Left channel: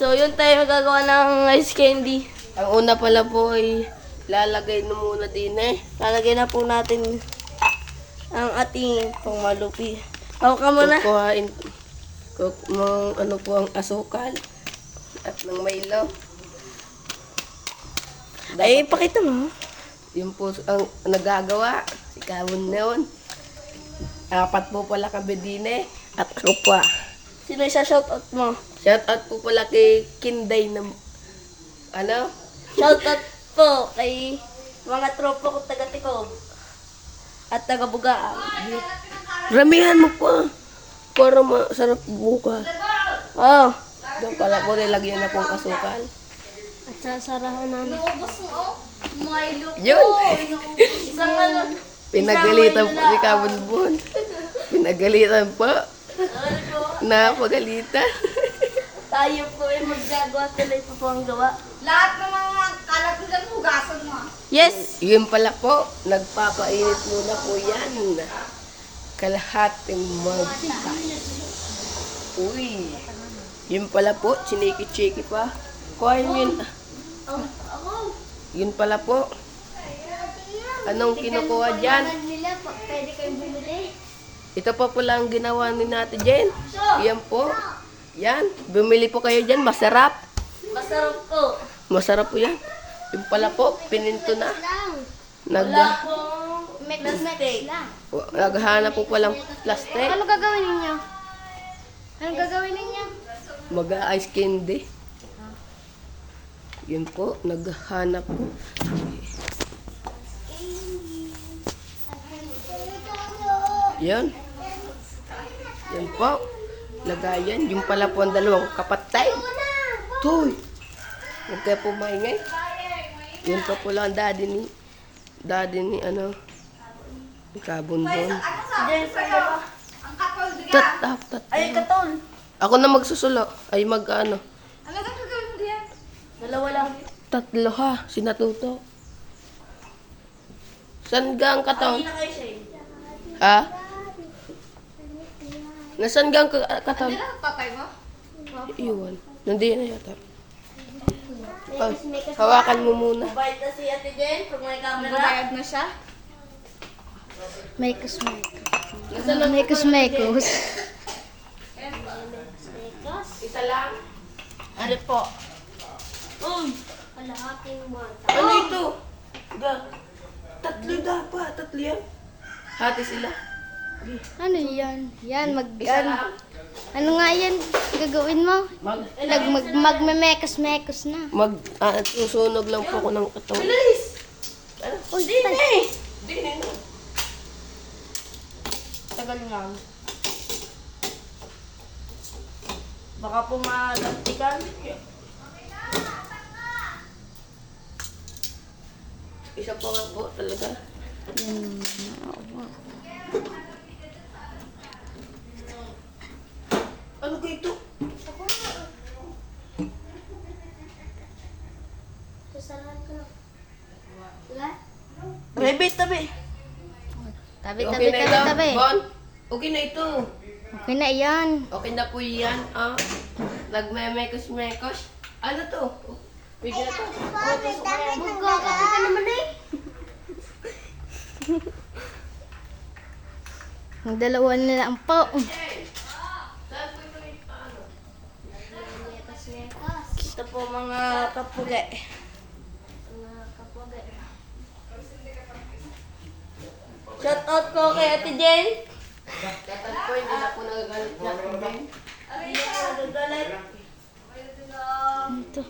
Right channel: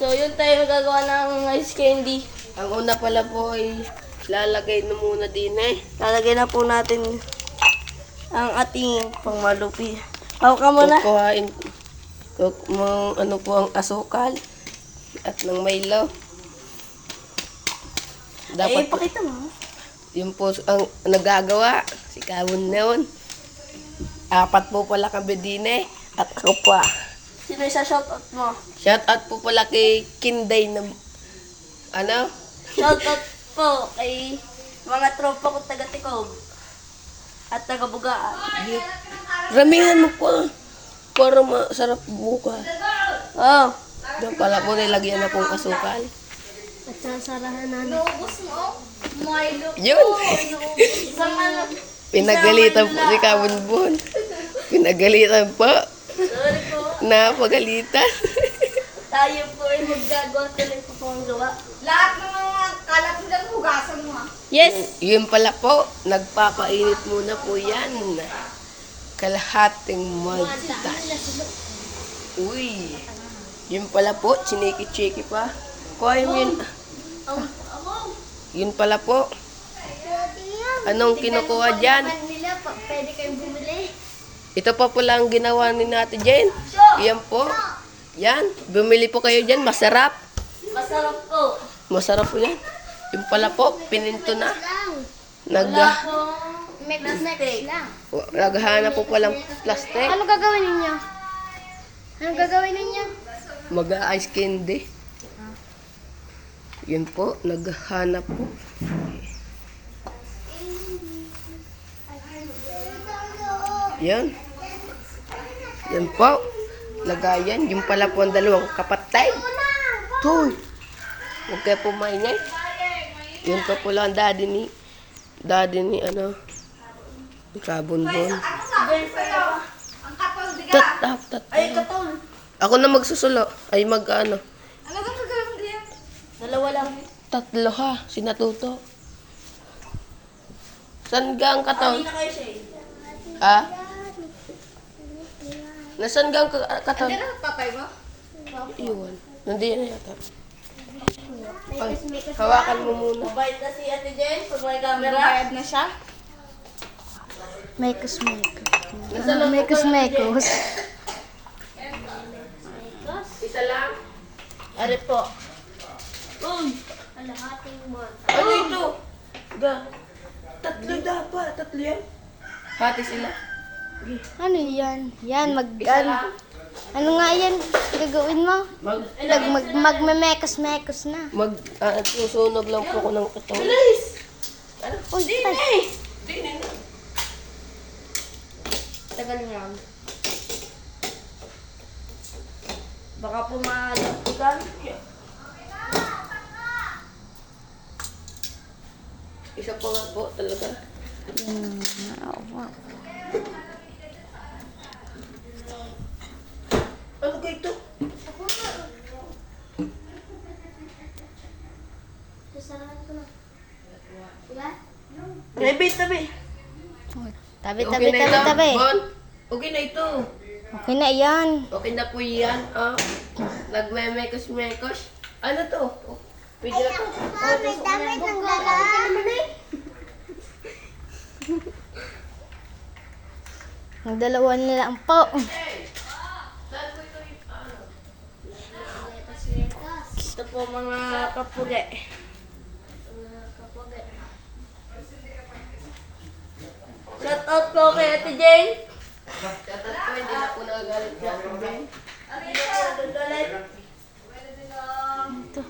So, yun tayo gagawa ng ice candy. Ang una pala po ay lalagay na muna din eh. Lalagay na po natin ang ating pangmalupi. Ako ka muna. Kukuhain ano po ang asukal at ng Milo. Dapat ay, pakita mo. Yun po ang nagagawa. Si Kawon noon. 4 po pala kami din eh. At ako pa. Sino yung shoutout mo? Shoutout po pala kay Kinday na ano? Shoutout po kay mga tropa ko taga-Tikob at taga-Bugaan. Ramihan mo pa para masarap bukas. Oh. Doon pala po nilagyan na pong asukal. At sasarahan na. Yun! Pinagalitan po si Kabunbun. Pinagalitan po. Napagalitan. Tayo po ay maggagawa. Tuloy po ang gawa. Lahat ng mga kalat nila hugasan mo. Yes! Yun pala po. Nagpapainit muna po yan. Kalahating magta. Uy! Yun pala po. Chiniki-chiki pa. Kuha yun. Yun pala po. Anong kinukuha dyan? Pwede kayong bumili. Ito pa pala ang ginawa ni Nati Jen. Yan po. Yan. Bumili po kayo dyan. Masarap. Masarap po. Masarap po yan. Yung pala po, pininto na. Naghahanap po palang plastic. Ano gagawin ninyo? Ano gagawin ninyo? Mag-ice candy. Yun po, naghahanap po. Yan. Yan po. Lagayan. Yung pala po ang dalawang kapatay. Tuy. Huwag kayo pumaingay. Yun po pala ang daddy ni ano, Kabunbun. Tat. Ay, katol. Ako na magsusulo. Ay mag-ano. Ano ka gagawin mo diyan? 2 lang. 3 ha. Sinatuto. Saan ka ang katon? Ha? Nasaan ka ang katon? Ano tatay mo? Iwan. Nandiyan yata. Hawakan mo muna. Mabait na si Ate Jen pag may camera. Bayad na siya? Mekos. Mekos. Isa lang. Are po. Uy! Kalahating mata. Ano ito? 3 dapat. 3 yan. Hati sila. Ano yan? Yan, ano nga yan gagawin mo? Magmemekos-mekos na. Susunog lang po ko ng ito. Uy, tay. Tagal nga. Baka po malagtikan. Isa po nga po talaga. Ano ka ito? Tabi. Tabi. Bon, okay na ito. Okay na yan. Okay na po yan. Nagmemekos-mekos. Ano to? Pwede na to. May damit ng lalaki. Ang dalawa na lang po. Ito po mga kapuge. Shout out po kay Ate Jane. Shout out po, hindi na po nagagalit na Ate Jane. Hindi na po nagagalit. Ito.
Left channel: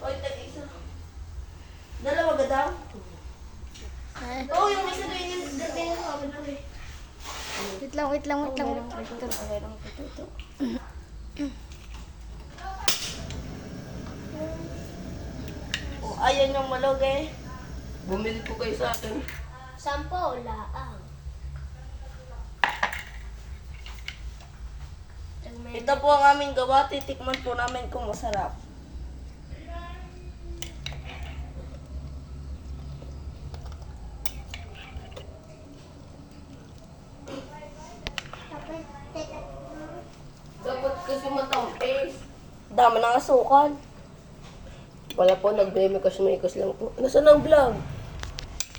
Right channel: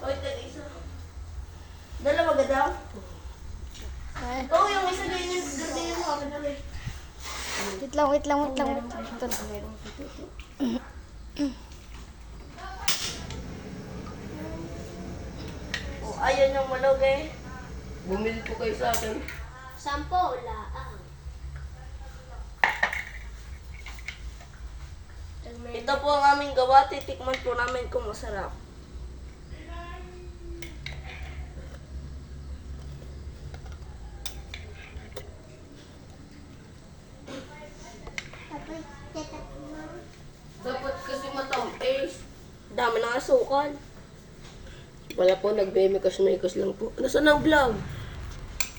Oy, tag-isa. Dalawa ga daw? Oo, yung isa doon yung ganyan sa akin namin. Wait lang. Oh, ayun yung malog eh. Bumili po kayo sa akin. 10 laang. Ito po ang aming gawa. Titikman po namin kung masarap. Dapat kasi matamis. Dami ng asukal. Wala po, nagbe-mekos-mekos lang po. Nasaan ang vlog?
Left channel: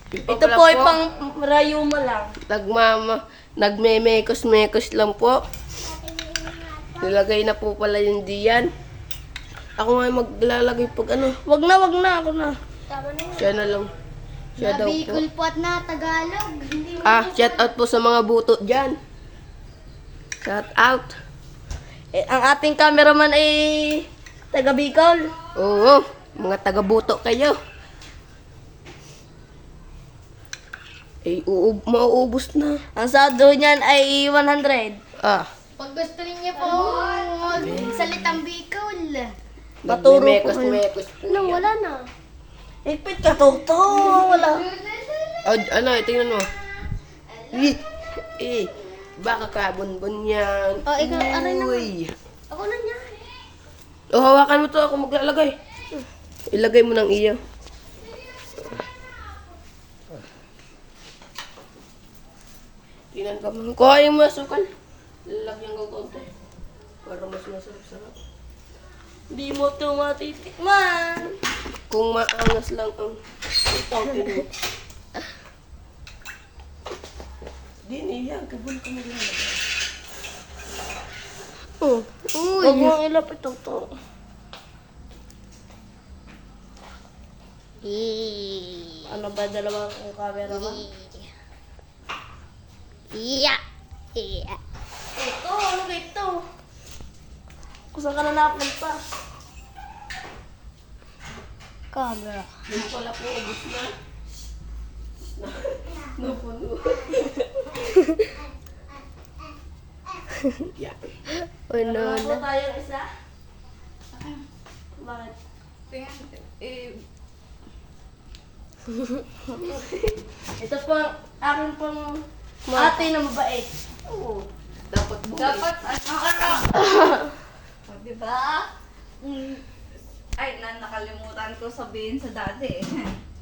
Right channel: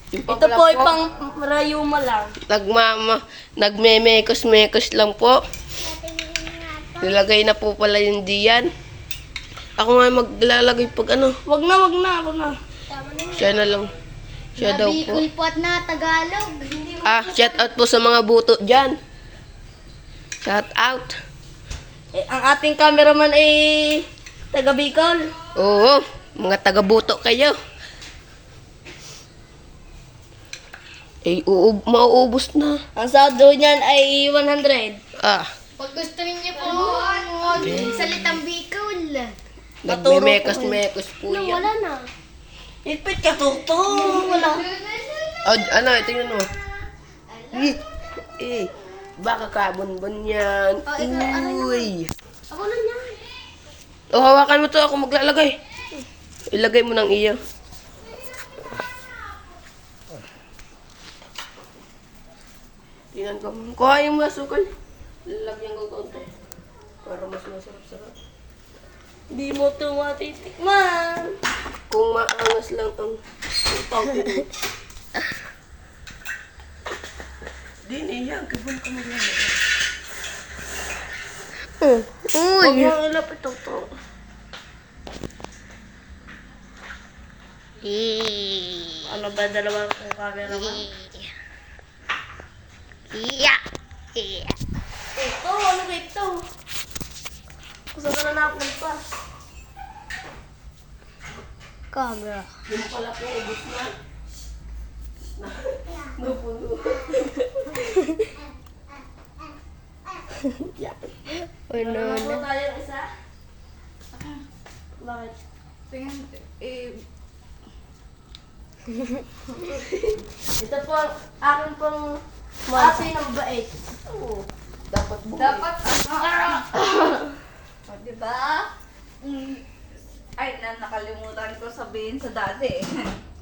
Ito po ay pang rayuma lang. Nagme-mekos-mekos lang po. Nilagay na po pala yung diyan. Ako nga maglalagay pag ano. Wag na, ako na. Siya na lang. Siya daw po. Nabikol po at na Tagalog. Shout out po sa mga buto dyan. Shout out. Ang ating cameraman ay taga Bicol. Oo, mga taga buto kayo. Mauubos na. Ang sado niyan ay 100. Pag gusto niyo po salitang Bicol. Nagme-mekos-mekos po yan. Wala na. Ipit ka, Toto. Wala. Tingnan mo. Baka kabon-bon yan. Uy. Ako na niya. Hawakan mo to. Ako maglalagay. Ilagay mo ng iyo. Tingnan ko. Kuha yung masukan. Lalagyan ko konti. Para mas masarap-sarap. Di mo ito matitikman. Kung maangas lang ang tawtin mo. Di niya, gabon ka maglalagay. Huwag mo ilapit ito. Ano ba dalawang camera ba? Ito, ano ba ito? Kung saan ka na napunta? Camera. Yung pala po, ubus na. Napuno. Yan. Ano Ano na? tayo isa? Bakit? Ito po, akin pong ate ng mabait. Oo. Dapat buhay. Dapat, diba? Ay, nakalimutan ko sabihin sa dati eh.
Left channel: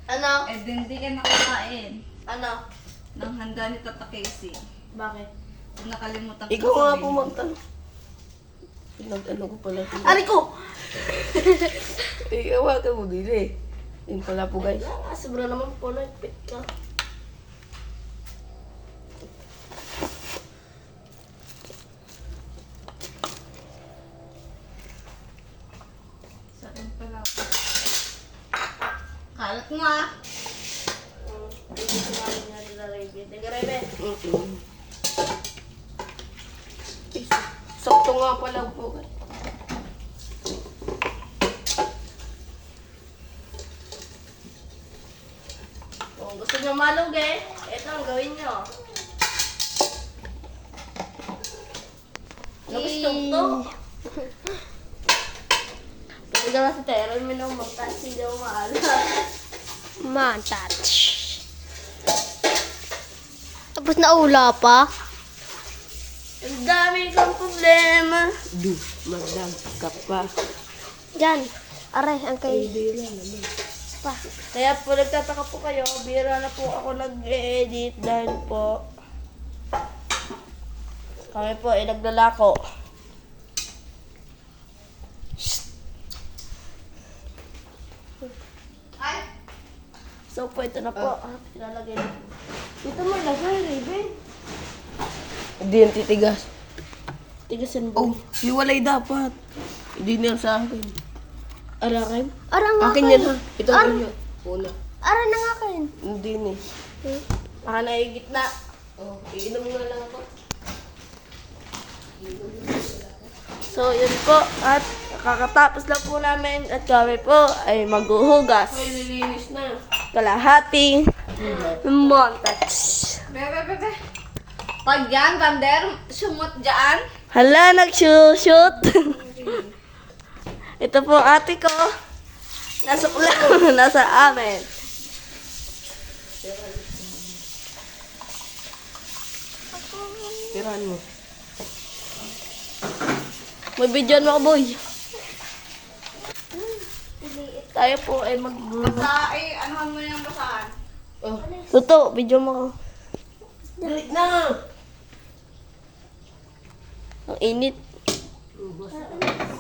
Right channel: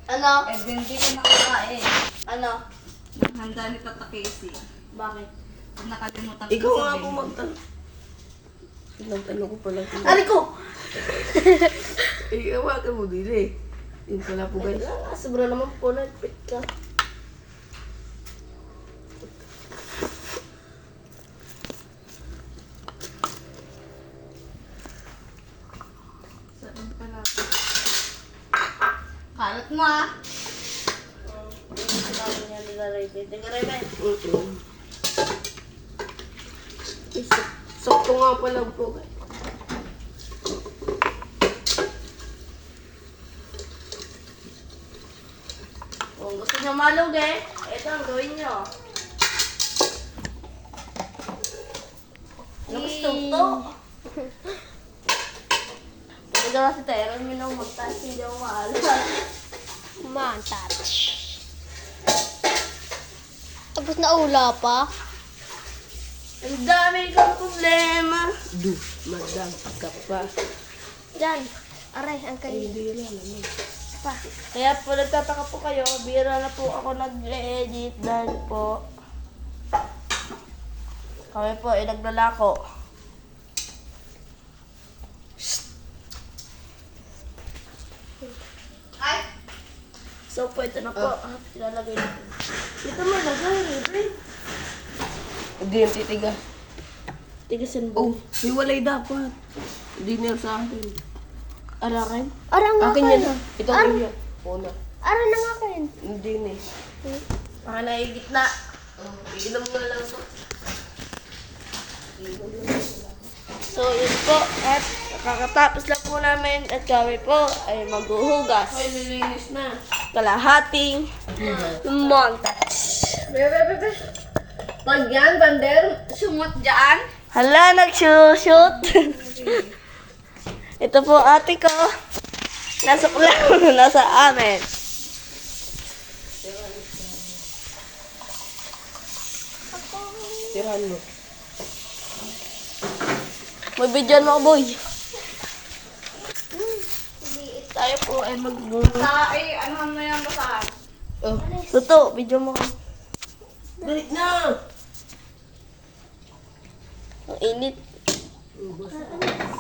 Ano? Eh, din di ka nakakain. Ano? Nang handa ni Tata Casey. Bakit? Nakalimutan ko Ikaw nga po sabihin. magtanong. Nagtanong ko pala. Ari ko! Hawakan mo din eh. Yun pala po guys. Sobra naman po, nagpit ka. Saan ka lang? Kalat mo ah. Sakto nga pala po. Gusto nyo malog eh? Ito ang gawin nyo. Gusto to. Pwede ka sa tayo, may nang magtas, hindi ako maalam. Man, touch. Tapos naula pa. Ang dami kang problema. Madam ka pa. Diyan. Aray, ang kay... Bira naman. Pa. Kaya po nagtataka po kayo, bira na po ako nag-edit dahil po kami po ay naglalako. Ay! So po ito na po. Ilalagay na. Dito mo ilagay, Ruben. Hindi yan titigas. Tigasin mo. Hiwalay dapat. Hindi na sa akin. Arakin? Arang nga Akin yan ha. Ito Ar- ang iyo. Una. Aran na nga kayo. Hindi na eh. na gitna. Oh, iinom nga lang po. So, yun po. At kakatapos lang po namin at kami po ay maghuhugas. Ay, nilinis na. Kalahating montage. Bebe. Pag yan, Bander, sumot dyan. Hala, nagsushoot. Ito po ate ko. Nasa amin. Tirahan mo. May video mo ako, boy. Tayo po ay magbubuhay. Anuhan mo yung basahan. Oh, Tuto, video mo ko. Balik na! Ang init.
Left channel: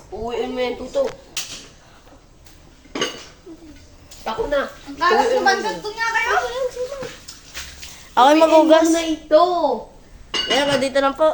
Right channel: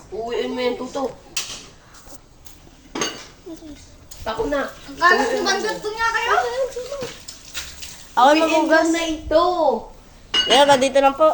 Uwiin mo yung tuto. Pako na. Kalat naman ganito nga kayo. Ako yung Uwiin mo magugas. na ito. Kaya, dito lang po.